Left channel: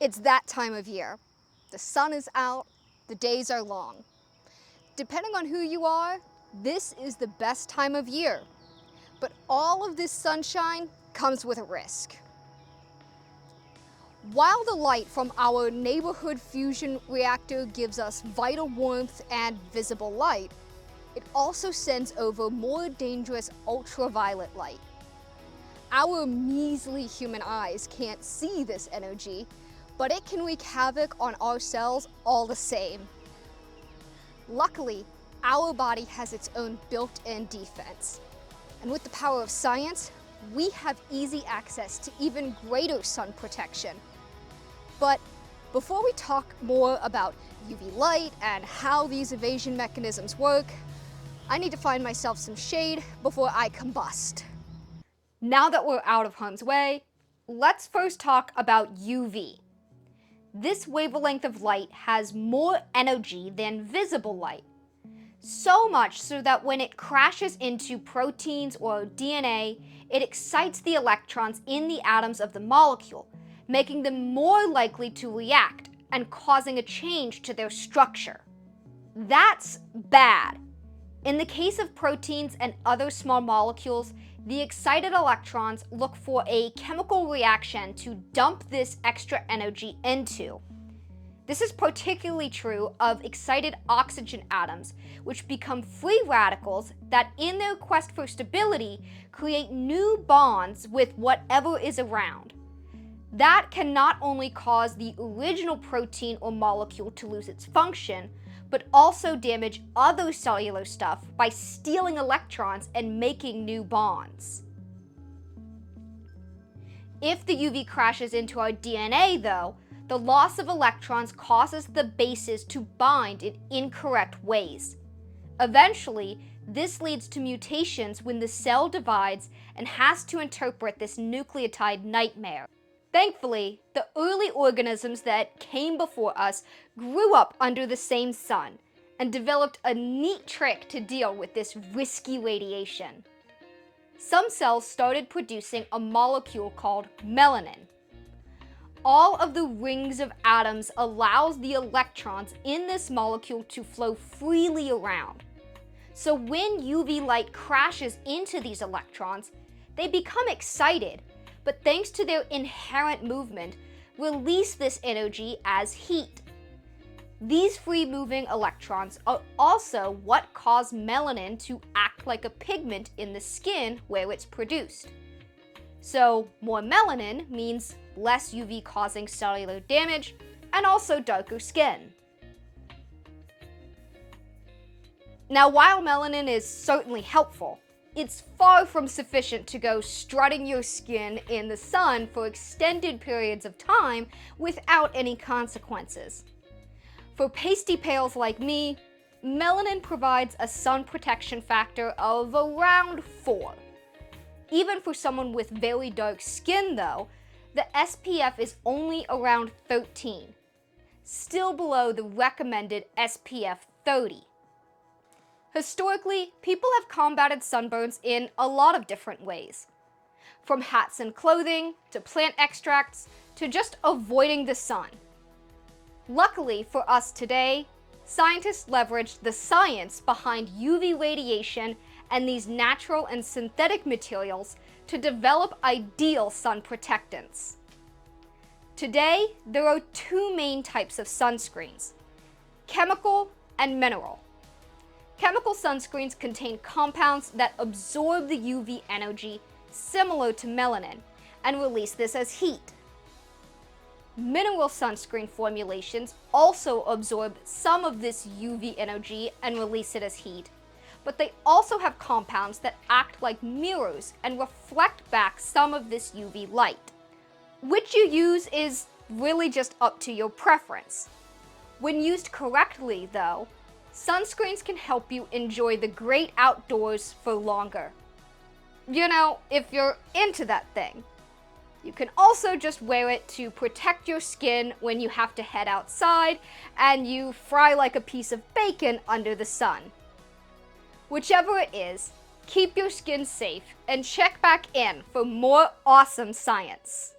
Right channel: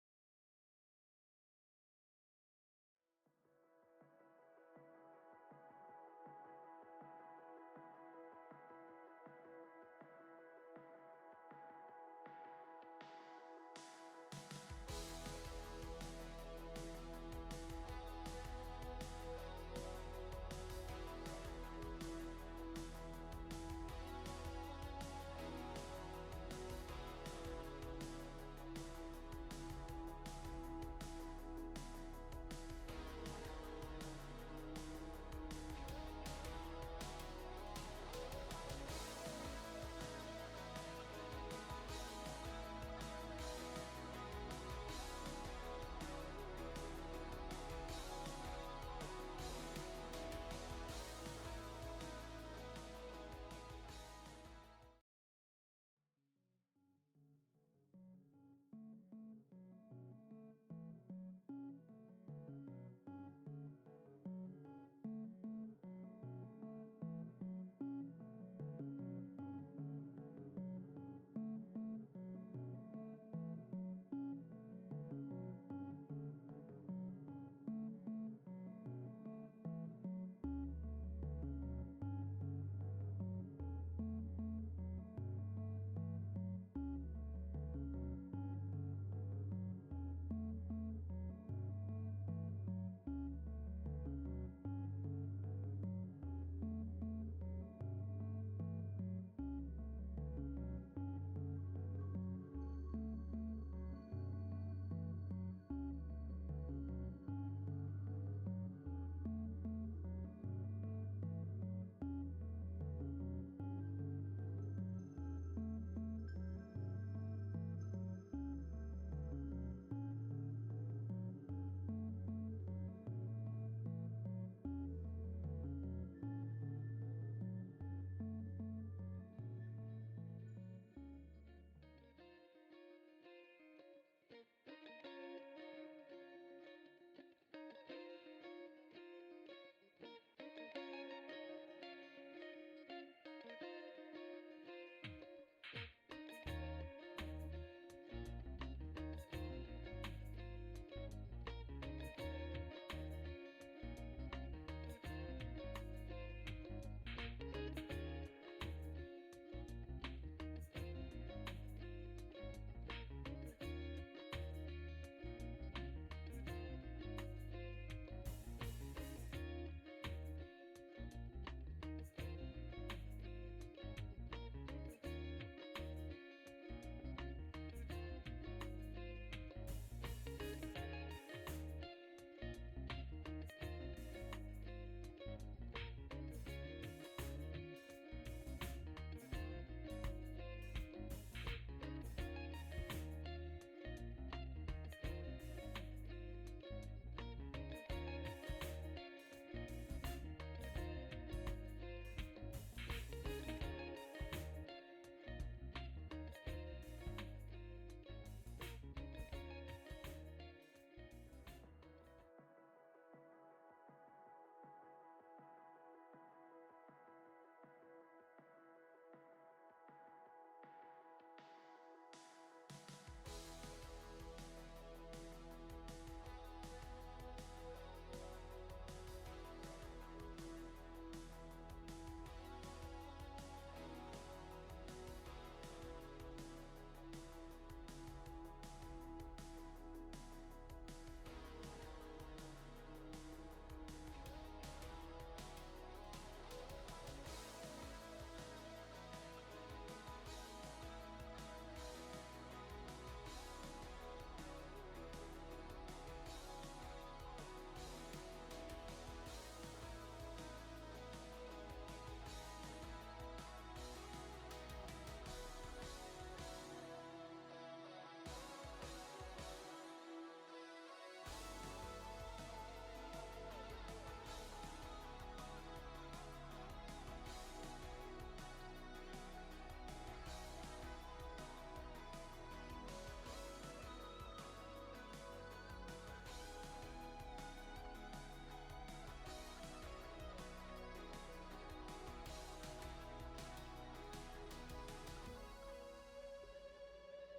It's that time of year. The sun is out, the days are long. Depending on who you are, this is the best time of year. But all of this sunshine comes with a risk. While the light from our neighborhood fusion reactor gives us vital warmth and visible light, it also sends over more dangerous ultraviolet light. Our measly human eyes can't see this energy, but it can wreak havoc on our cells all the same. Luckily, our body has its own built-in defense. And with the power of science, we have easy access to even greater sun protection. But before we talk more about UV light and how these evasion mechanisms work, I need to find myself some shade before I combust. Now that we're out of harm's way, let's first talk about UV. This wavelength of light has more energy than visible light. So much so that when it crashes into proteins or DNA, it excites the electrons in the atoms of the molecule, making them more likely to react and causing a change to their structure. That's bad. In the case of proteins and other small molecules, the excited electrons look for a chemical reaction to dump this extra energy into. This is particularly true of excited oxygen atoms, which become free radicals that, in their quest for stability, create new bonds with whatever is around. That can not only cause the original protein or molecule to lose its function, but also damage other cellular stuff by stealing electrons and making new bonds. If the UV crashes into our DNA, though, the loss of electrons causes the bases to bind in incorrect ways. Eventually, this leads to mutations when the cell divides and has to interpret this nucleotide nightmare. Thankfully, the early organisms that came before us grew up under the same sun and developed a neat trick to deal with this risky radiation. Some cells started producing a molecule called melanin. All of the rings of atoms allows the electrons in this molecule to flow freely around. So when UV light crashes into these electrons, they become excited, but thanks to their inherent movement, release this energy as heat. These free-moving electrons are also what cause melanin to act like a pigment in the skin where it's produced. So more melanin means less UV causing cellular damage and also darker skin. Now, while melanin is certainly helpful, it's far from sufficient to go strutting your skin in the sun for extended periods of time without any consequences. For pasty pales like me, melanin provides a sun protection factor of around 4. Even for someone with very dark skin, though, the SPF is only around 13, still below the recommended SPF 30. Historically, people have combated sunburns in a lot of different ways. From hats and clothing, to plant extracts, to just avoiding the sun. Luckily for us today, scientists leveraged the science behind UV radiation and these natural and synthetic materials to develop ideal sun protectants. Today, there are 2 main types of sunscreens: chemical and mineral. Chemical sunscreens contain compounds that absorb the UV energy similar to melanin and release this as heat. Mineral sunscreen formulations also absorb some of this UV energy and release it as heat, but they also have compounds that act like mirrors and reflect back some of this UV light. Which you use is really just up to your preference. When used correctly, though, sunscreens can help you enjoy the great outdoors for longer. You know, if you're into that thing. You can also just wear it to protect your skin when you have to head outside and you fry like a piece of bacon under the sun. Whichever it is, keep your skin safe and check back in for more awesome science.